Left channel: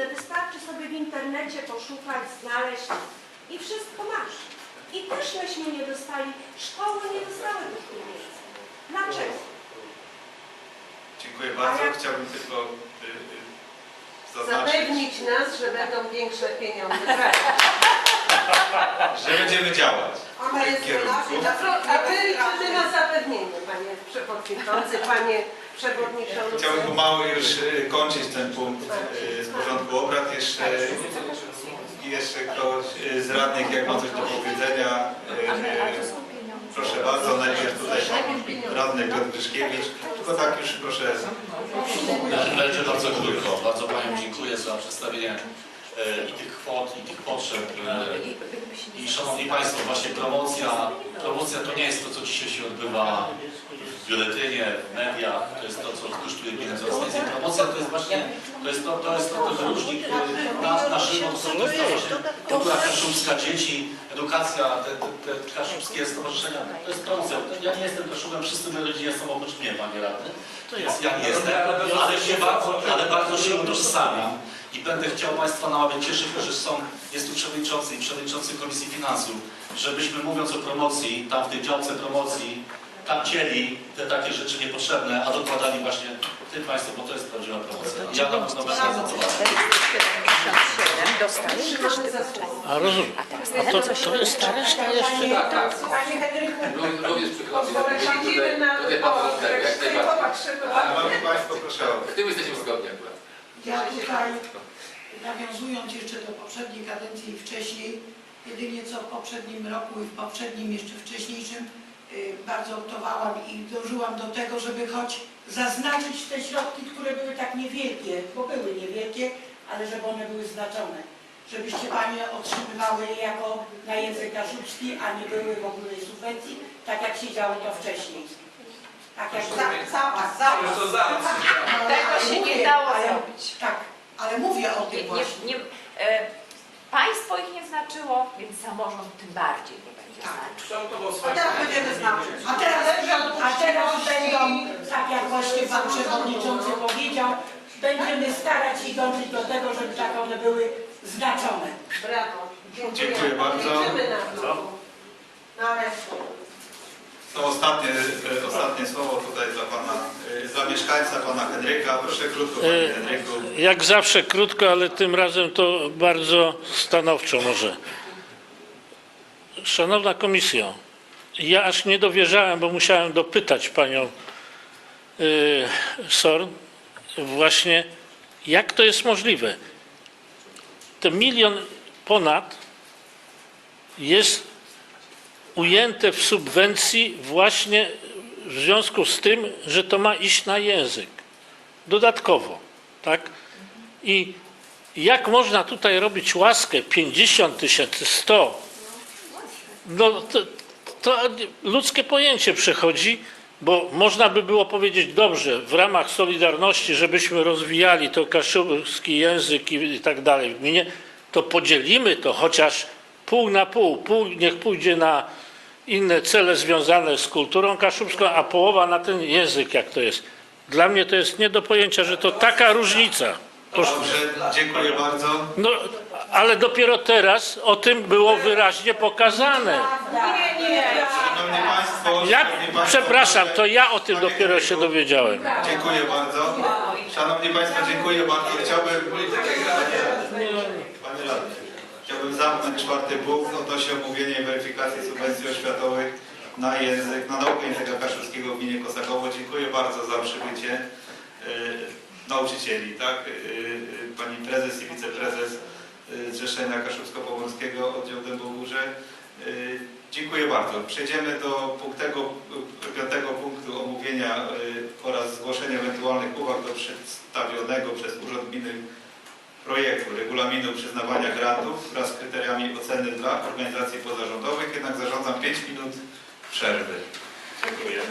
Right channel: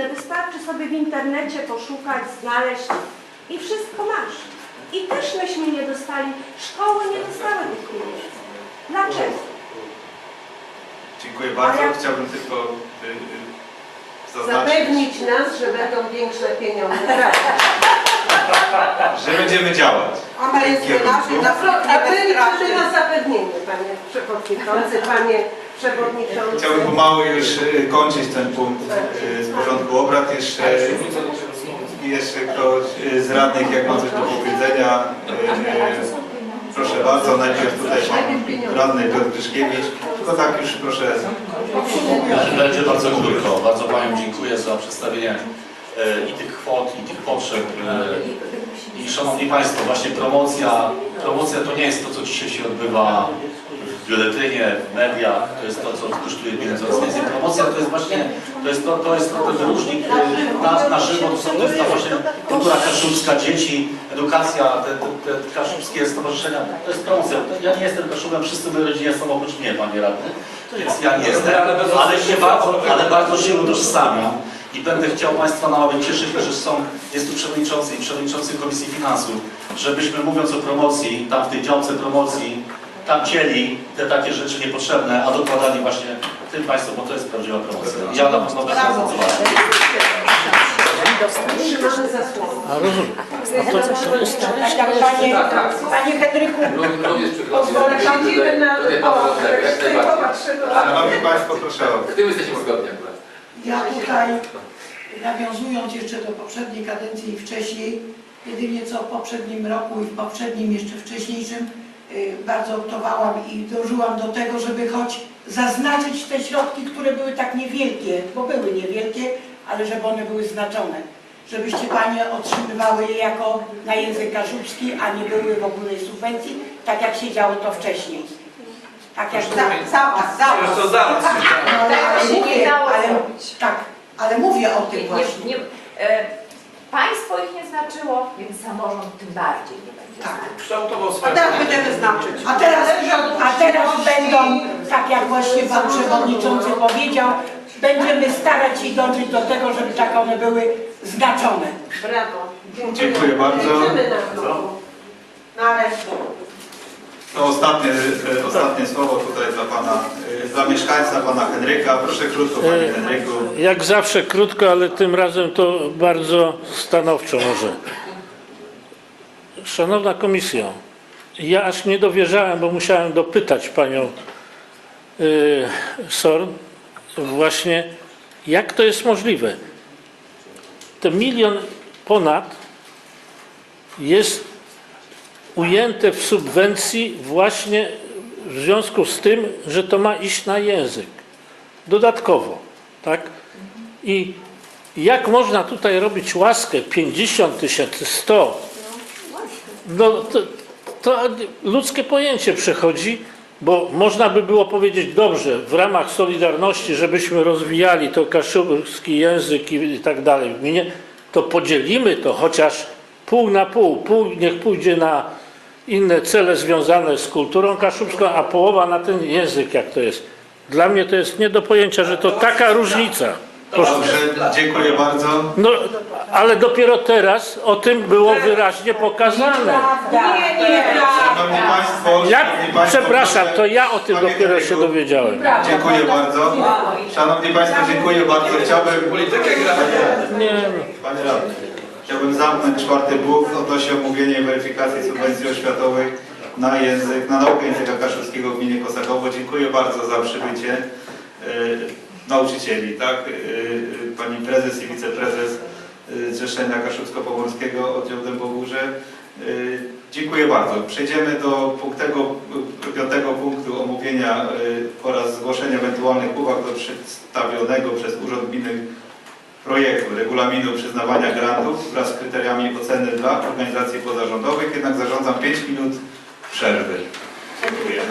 dostępne, wystarczy sobie w internecie poszukać, znaleźć i wszystko masz. I też myśmy nie dostali, szkoły nie dostały tych pieniędzy. Dlaczego? Dziękuję bardzo. Ja- Chciałbym tylko y, y, zaznaczyć, Zapewnić nas, że będą większe pieniądze. że będziemy działać. Ona jest Kierunku. naszym Na pro- A my liczymy na zapewnienie, panie przewodniczący, panie przewodniczący. Chciałbym pomału już y, kończyć ten punkt y, z porządku obrad. Jeszcze, jeszcze ktoś y, z radnych, jak ma coś do powiedzenia, proszę bardzo. Najpierw tutaj pan radny Piotr Gryszkiewicz. Tylko tak już proszę. Będzie bardzo krótko. Bardzo Paniom dziękuję za przedstawienie i tych kwot, i tych potrzeb. I Szanowni Państwo, właśnie promocja, promocja to nie jest to, co dzisiaj się odbywa biuletynie, w mediach, to jest to, co kosztuje pieniędzy oraz więcej. Promocja to jest właśnie, to jest to, to jest to, ten wyróżnik e, na, na żywo, to, są, to jest ta właśnie kultura kaszubska, dzieci, edukacja, te, te, te kaszubskie stowarzyszenia, to jest promocja. Ja nie jestem kaszubem, wszyscy moi rodzinie są oprócz mnie, Panie Radny, więc ja nie jestem, ale się bardzo, ale bardzo się utożsamiam i będę chciał Państwa namawiać, cieszę się, że są, jest tu przewodniczący i przewodniczący Komisji Finansów, żebyśmy mówiąc o promocji, tam w tej działce promocji, tam cieli te takie rzeczy niepotrzebne, a dokładali właśnie tym Państwu, bo to jest prawdziwa promocja. Ja na pewno będę. A rozumiem. A to, to jest Panie, panie Henryku, Również przepraszam. Siedzimy na... Tutaj O, pan najbardziej. popatrzymy. Szanowni Państwo, proszę o W tym jesteśmy zgodni akurat. ja tutaj nawiązując jeszcze do poprzedniej kadencji i wcześniej, jedynie co w poprzednim roku i w poprzednim jeszcze wcześniejszym bardzo optowałam i dążyłam do tego, żeby choć zaznaczyć te środki, które były tak niewielkie, bo były niewielkie, ale żeby one były znaczone. Żebyście Panie otrzymywały je jako na język kaszubski, a nie były w ogóle subwencji, tak jak się działo to wcześniej. Tak jak za, za was, za was. to zaraz. Ale, ale nie mówię, ale, tak, ale mówię o tym Nie, właśnie. nie, e, państwo ich nie znaczyło, więc samorząd tym bardziej nie będzie Tak. znaczył. Kształtował A teraz będziemy znaczyć. A teraz, a teraz będą, tak jak właśnie Pan Przewodniczący powiedział, będziemy starać się dążyć do tego, żeby tak one były znaczone. Brawo. Dziękuję bardzo. Liczymy na to. No ale To ostatnie, e, ostatnie słowo tutaj dla Pana, e, dla mieszkańca, Pana Henryka. Proszę krótko, Panie E, Henryku. jak zawsze krótko, ale tym razem to bardzo stanowczo może. Szanowna Komisjo, ja aż nie dowierzałem, bo musiałem dopytać Panią y, Sorn właśnie, jak to jest możliwe. Ten milion ponad jest ujęte w subwencji właśnie w związku z tym, że to ma iść na język. Dodatkowo, tak? I jak można tutaj robić łaskę 50 tysięcy, 100? No to, to ludzkie pojęcie przechodzi, bo można by było powiedzieć dobrze, w ramach Solidarności, żebyśmy rozwijali to kaszubski język i, tak dalej w gminie, to podzielimy to chociaż pół na pół. Pół niech pójdzie na inne cele związane z kulturą kaszubską, a połowa na ten język, jak to jest. Dla mnie to jest nie do pojęcia, że to taka różnica. Proszę. Dobrze, dziękuję bardzo. No, ale dopiero teraz o tym było wyraźnie pokazane. Nie, nie, Szanowni Państwo, Ja, szanowni państwo, przepraszam, proszę- to ja o tym Panie dopiero się Henryku, dowiedziałem. Dziękuję bardzo. Szanowni Państwo, dziękuję bardzo. Chciałbym. Nie, Panie Radny, chciałbym zamknąć czwarty punkt odnośnie omówienia i weryfikacji subwencji oświatowych na język, na naukę języka kaszubskiego w gminie Kosakowo. Dziękuję bardzo za przybycie e, nauczycieli, tak? E, e, Pani prezes i wiceprezes Zrzeszenia Kaszubsko-Pomorskiego oddział Dębogórze. Dziękuję bardzo. Przejdziemy do punktego, piątego punktu omówienia oraz zgłoszenia ewentualnych uwag do przedstawionego przez Urząd Gminy projektu regulaminu przyznawania grantów wraz z kryteriami oceny dla organizacji pozarządowych, jednak zarządzam 5 minut przerwy. Dziękuję.